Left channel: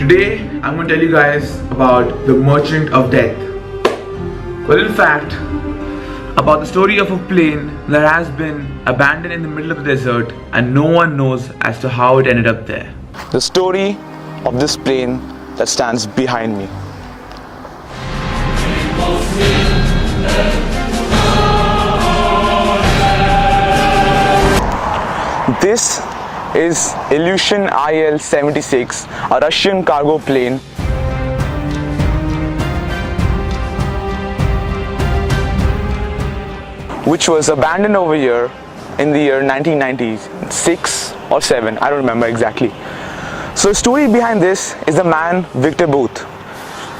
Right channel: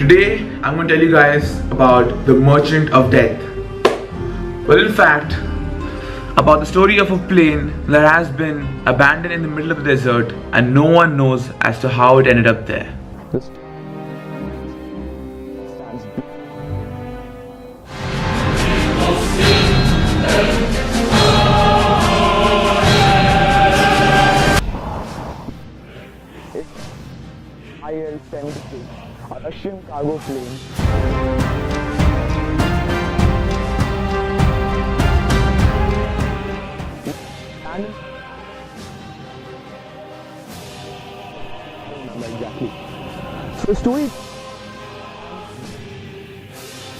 Today I'm going to tell you guys about the Merchant of Death. Well, in fact, about the story of a plane that has been abandoned in the middle of the desert and no one knows as to how it ended up there. The story of this plane that stands behind me. This is Ilyushin IL-76, a Russian cargo plane which was abandoned over here in the year 1996 or 7, I don't remember exactly. So the story behind this is the man Victor Bout.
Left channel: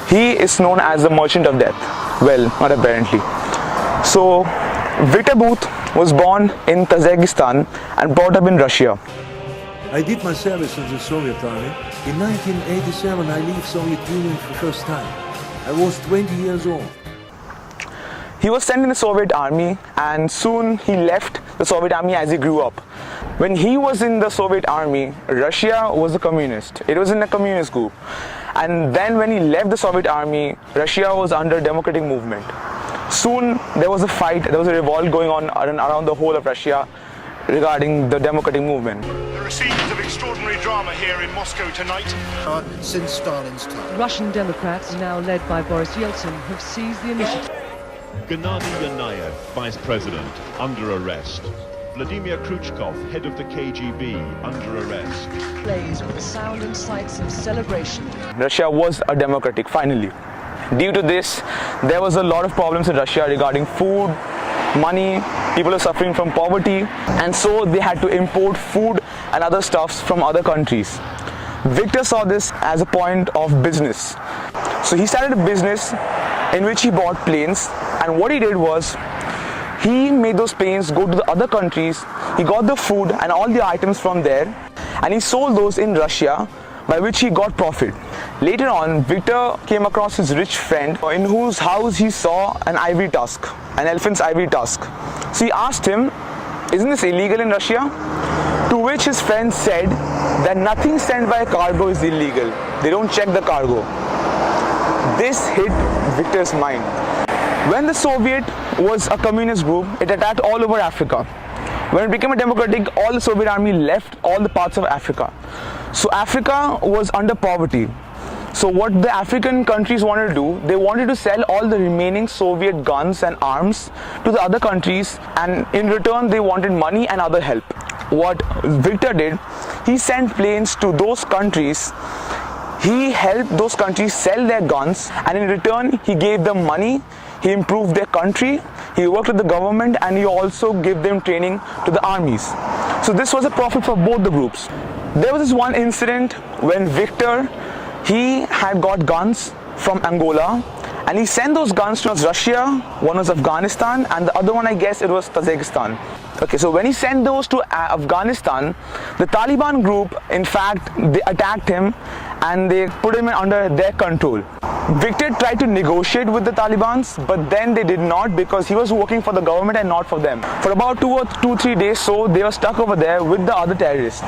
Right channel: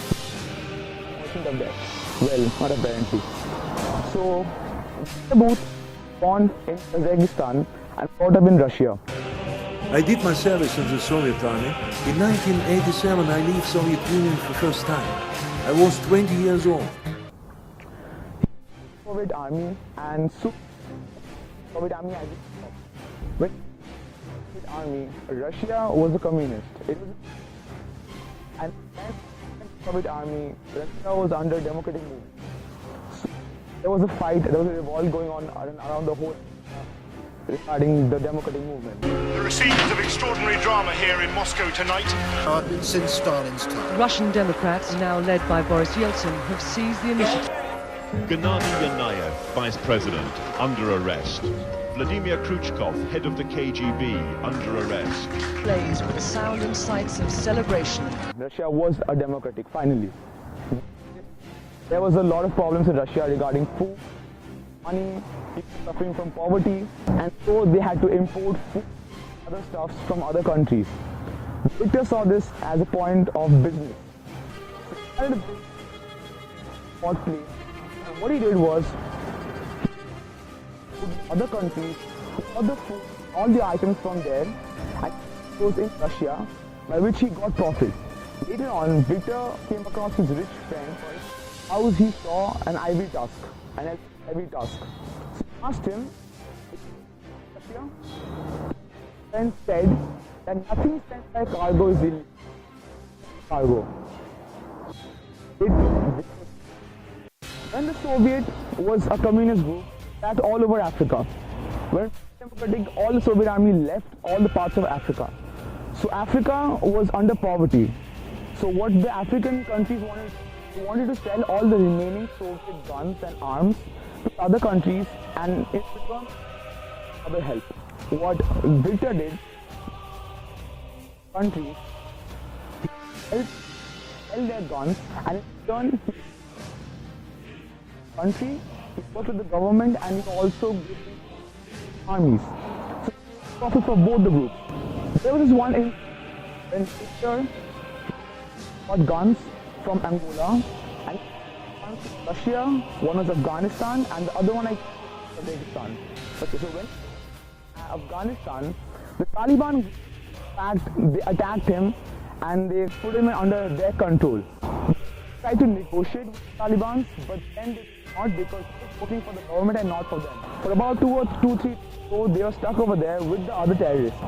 He is known as the Merchant of Death. Well, not apparently. So Victor Bout was born in Tajikistan and brought up in Russia. I did my service in the Soviet Army. In 1987 I left Soviet Union for the first time. I was 20 years old. He was sent in the Soviet Army and soon he left the Soviet Army as he grew up. When he was in the Soviet Army, Russia was a communist. It was in a communist group. And then when he left the Soviet Army, Russia was under democratic movement. Soon there was a fight, there was a revolt going on around the whole of Russia regarding the democratic movement. There are scenes of extraordinary drama here in Moscow tonight. Since Stalin's time. Russian Democrats, now led by Boris Yeltsin, have seized the initiative. Gennady Yanayev, Vice President, under arrest. Vladimir Khrushchev, head of the KGB, under arrest. Plays with the sound and sights of celebration. Russia was a democratic, finally. Due to this, there was a lot of problems in Russia regarding food, money, people are suffering from poverty, and so they had to import food and other stuffs from other countries. Victor saw this as a point of business. So he started a business in which he bought planes, and what he did was, he made those planes go to the other countries, he got the food and all the items from there, and he sold those in Russia, by which he got profit. Later on, Victor came across his rich friend in whose house he saw an ivory tusk, an elephant's ivory tusk. So he asked him, isn't this illegal in Russia? To which his friend said that nothing sent by cargo is illegal. They don't check the cargo. This hit Victor's mind. When the Soviet was a communist group, it attacked all over Africa. When it became a democratic, all the Soviet army left all the parts of Africa. So Africa was under poverty. So what the African countries wanted to do, they wanted to sell all the remaining Soviet guns and arms to the other countries, and in return they wanted money and other help. What Victor did, he sent planes to those countries. He helped those countries sell their guns, and in return he gave them money, he improved their country, he worked with the government, and he also gave them training to the armies. So this was a profit for both the groups. There was this one incident when Victor, he had got guns from Angola and he sent those guns to Russia, one was Afghanistan and the other one I guess it was Tajikistan. Okay, so when he sent those to Afghanistan, the Taliban group, in fact, they attacked him and they put him under their control. Victor tried to negotiate with the Talibans, but then they did not because he was working for the government and not for them. For about 3 days, so they were stuck over there with the other terrorists.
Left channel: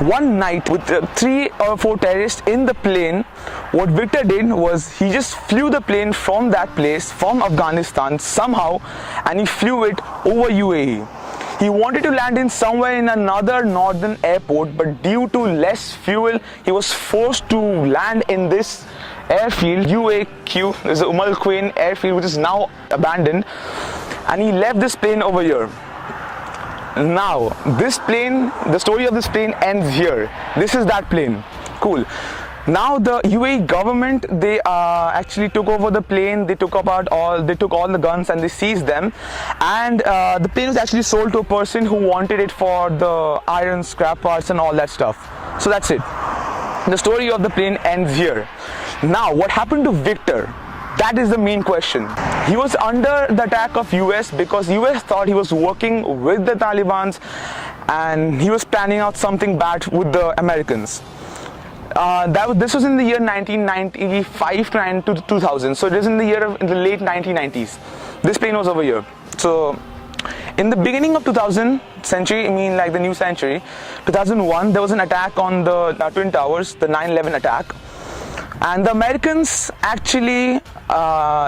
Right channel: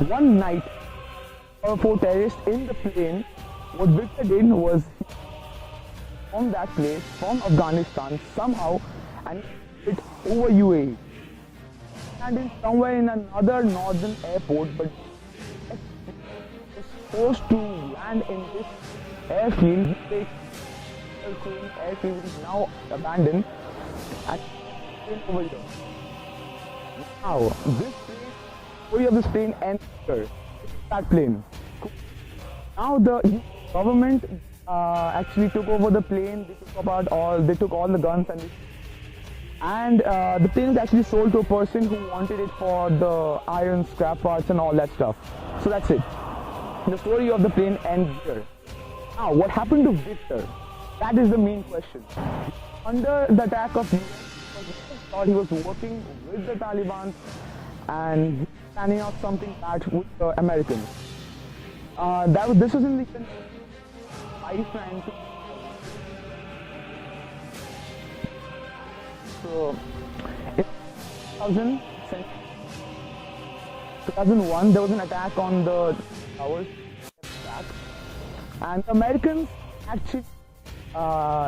One night with 3 or 4 terrorists in the plane, what Victor did was he just flew the plane from that place, from Afghanistan somehow, and he flew it over UAE. He wanted to land in somewhere in another northern airport, but due to less fuel, he was forced to land in this airfield, UAQ, there's a Umm Quwain airfield which is now abandoned, and he left this plane over here. Now, this plane, the story of this plane ends here. This is that plane. Cool. Now the UAE government, they actually took over the plane. They took all the guns and they seized them. And the plane was actually sold to a person who wanted it for the iron scrap parts and all that stuff. So that's it. The story of the plane ends here. Now, what happened to Victor? That is the main question. He was under the attack of US because US thought he was working with the Taliban and he was planning out something bad with the Americans. This was in the year 1995 to 2000, so it is in the late 1990s. This plane was over here. So in the beginning of 2000 century, I mean like the new century, 2001, there was an attack on the Twin Towers, the 9/11 attack. And the Americans actually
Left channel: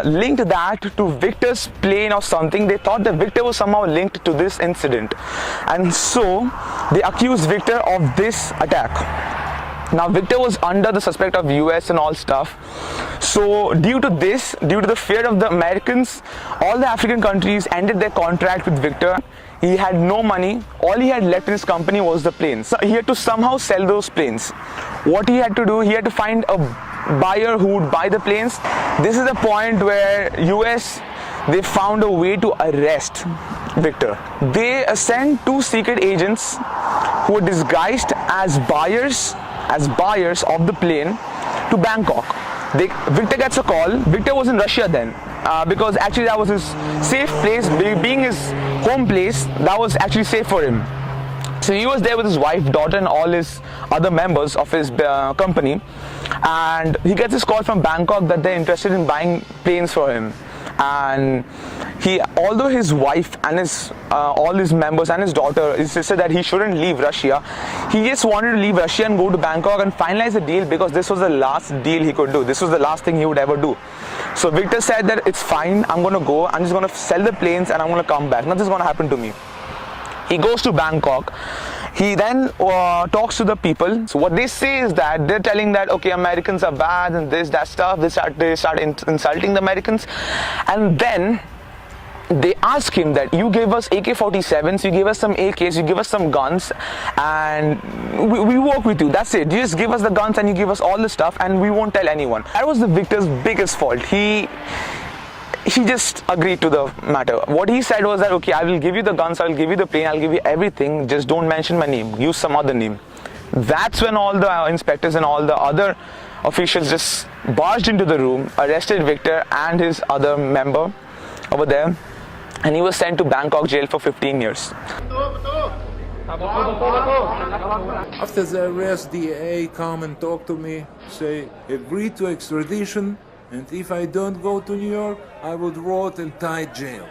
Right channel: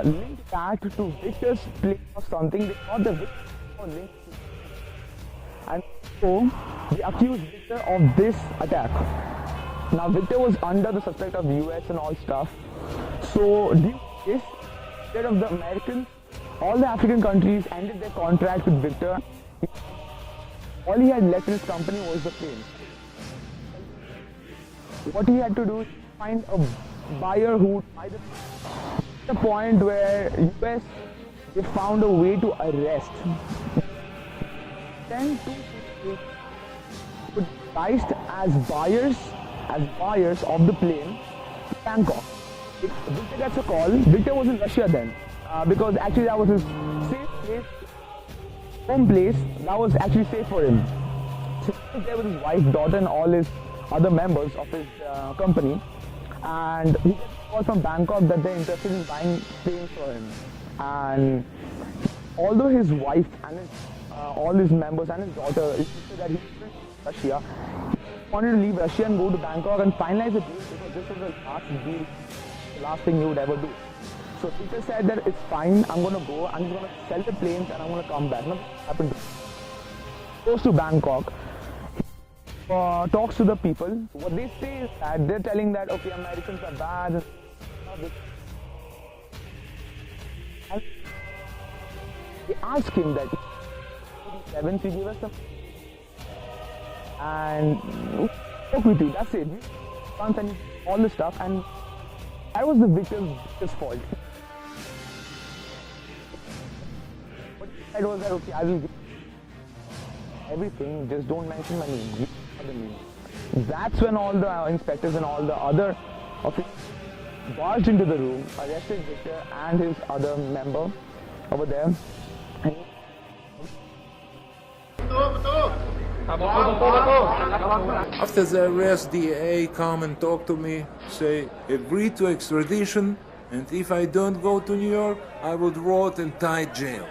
linked that to Victor's plane or something. They thought that Victor was somehow linked to this incident, and so they accused Victor of this attack. Now Victor was under the suspect of US and all stuff. So due to this, due to the fear of the Americans, all the African countries ended their contract with Victor. He had no money. All he had left in his company was the planes. So he had to somehow sell those planes. What he had to do, he had to find a buyer who would buy the planes. This is the point where US, they found a way to arrest Victor. They sent 2 secret agents who were disguised as buyers of the plane to Bangkok. Victor gets a call. Victor was in Russia then, because actually that was his safe place. Being his home place, that was actually safe for him. So he was there with his wife, daughter, and all his other members of his company, and he gets this call from Bangkok that they're interested in buying planes for him. And although his wife and all his members and his daughter insisted that he shouldn't leave Russia, he just wanted to leave Russia and go to Bangkok and finalize the deal, because this was the last deal he could do. This was the last thing he would ever do. So Victor said that it's fine, I'm going to go, I'm just going to sell the planes and I'm going to come back. Nothing's going to happen to me. He goes to Bangkok. He then talks to the people. So what they say is that they're telling that, okay, Americans are bad and this, that stuff. They start insulting the Americans. And then they ask him that you gave us AK-47s, you gave us some AKs, you give us some guns, and we work with you. That's it. You just give us the guns and you give us all the stuff and we won't tell anyone. That was the Victor's biggest fault. He just agreed to the matter. What he said was that, okay, I will give you the guns, I will give you the plane, I'll give you everything, just don't mention my name, use some other name. That's when all the inspectors and all the other officials just barged into the room, arrested Victor and his other member over there, and he was sent to Bangkok jail for 15 years. After the arrest, DA come and talk to me, say, agree to extradition, and if I don't go to New York, I would rot in tight jail.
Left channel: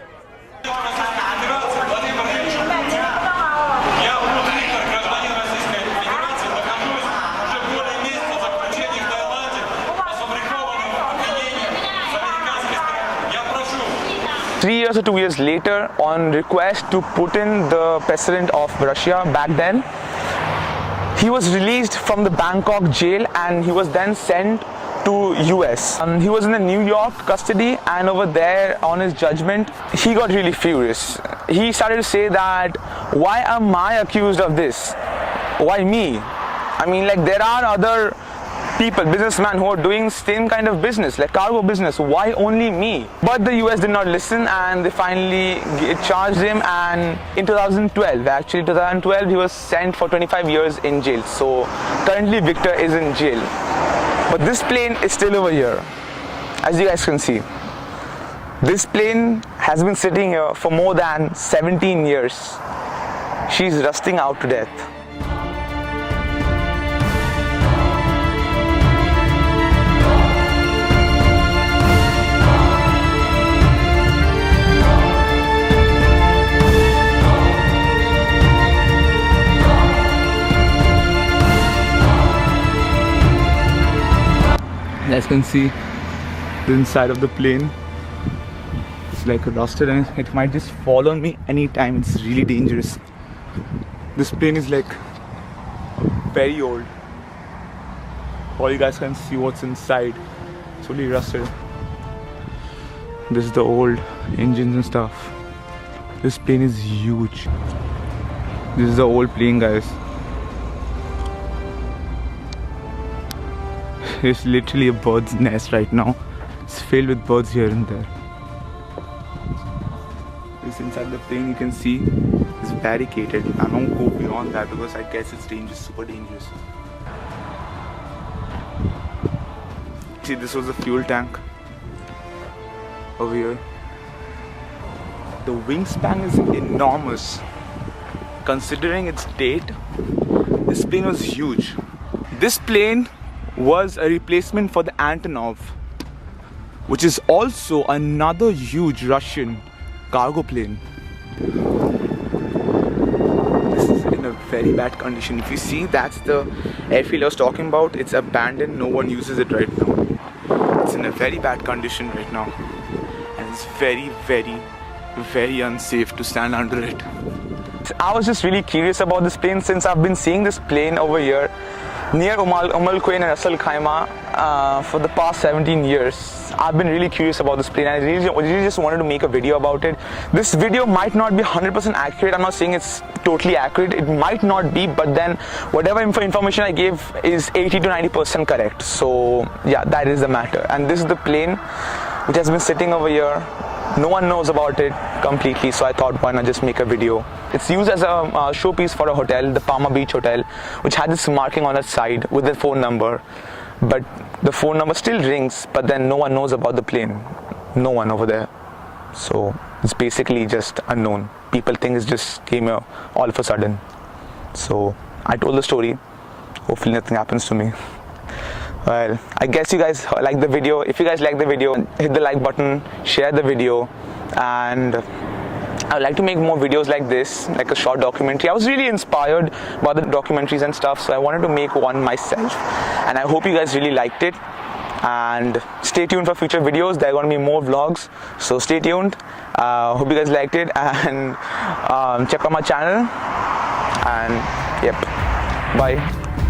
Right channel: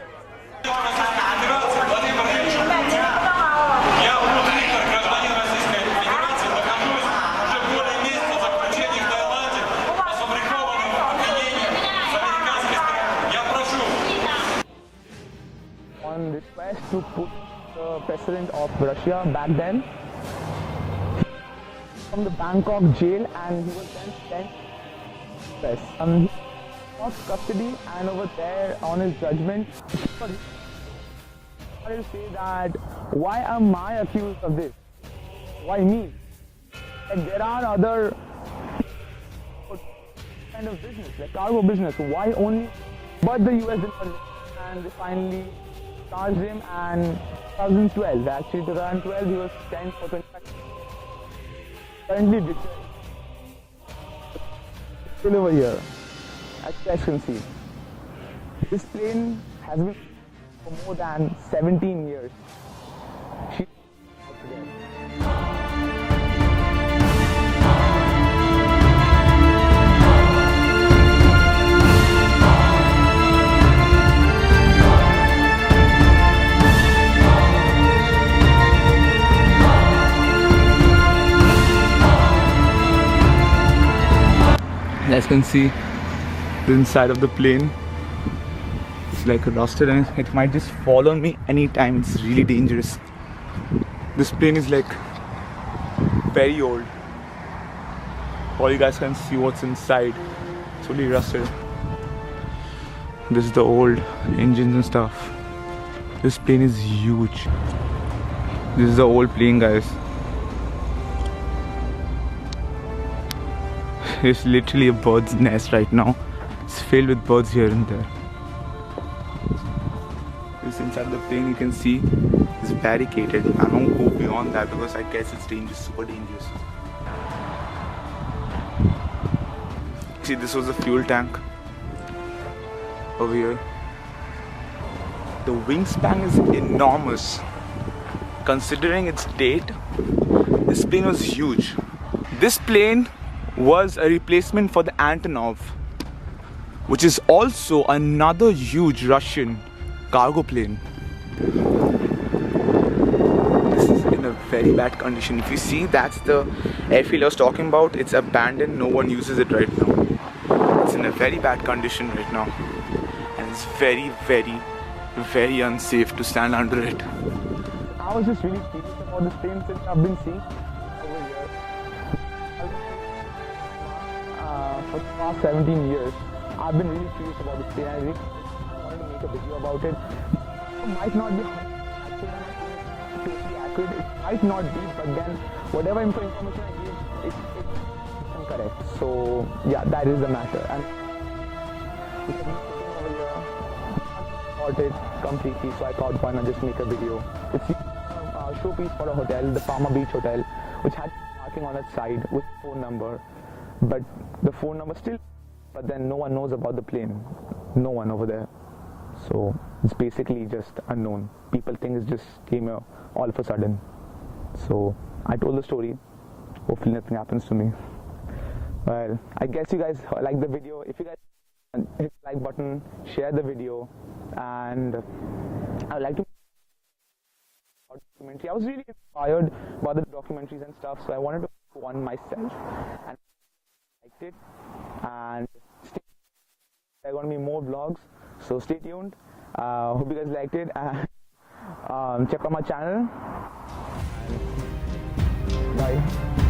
Or 2 years later, on request to Putin, the president of Russia back then, he was released from the Bangkok jail and he was then sent to US. He was in the New York custody, and over there on his judgment, he got really furious. He started to say that, why am I accused of this? Why me? I mean, like, there are other people, businessmen, who are doing same kind of business, like cargo business. Why only me? But the US did not listen, and they finally charged him, and in 2012, he was sent for 25 years in jail. So currently Victor is in jail. But this plane is still over here, as you guys can see. This plane has been sitting here for more than 17 years. She's rusting out to death. As you can see, the inside of the plane is like rusted and it might just fall on me anytime. It's really dangerous. This plane is like very old. All you guys can see what's inside. It's really rusted. This is the old engines and stuff. This plane is huge. This is the old plane, guys. It's literally a bird's nest right now. It's filled with birds here and there. This inside the plane, you can see, is barricaded. I don't go beyond that because I guess it's dangerous, super dangerous. See, this was the fuel tank over here. The wingspan is enormous. Considering its date, this plane was huge. This plane was a replacement for the Antonov, which is also another huge Russian cargo plane. This is in in a very bad condition. If you see, that's the airfield I was talking about. It's abandoned, no one uses it right now. It's in a very bad condition right now, and it's very, very, very unsafe to stand under it. I was just really curious about this plane since I've been seeing this plane over here near Quain and Russell Khaimah for the past 17 years. I've been really curious about this plane and I really just wanted to make a video about it. This video might not be 100% accurate. I'm not saying it's totally accurate. It might not be, but then whatever information I gave is 80 to 90% correct. So yeah, that is the matter. And this is the plane which has been sitting over here. No one knows about it completely, so I thought why not just make a video. It's used as a showpiece for a hotel, the Palma Beach Hotel, which had this marking on its side with the phone number. But the phone number still rings, but then no one knows about the plane. No one over there. So it's basically just unknown. People think it just came here all of a sudden. So I told the story. Hopefully nothing happens to me. Well, I guess you guys like the video. If you guys like the video, hit the like button, share the video, and I would like to make more videos like this, like a short documentary. I was really inspired by the documentaries and stuff, so I wanted to make one myself, and I hope you guys really liked it. And stay tuned for future videos. There are going to be more vlogs, so stay tuned. Hope you guys liked it, and check out my channel. And yep, bye.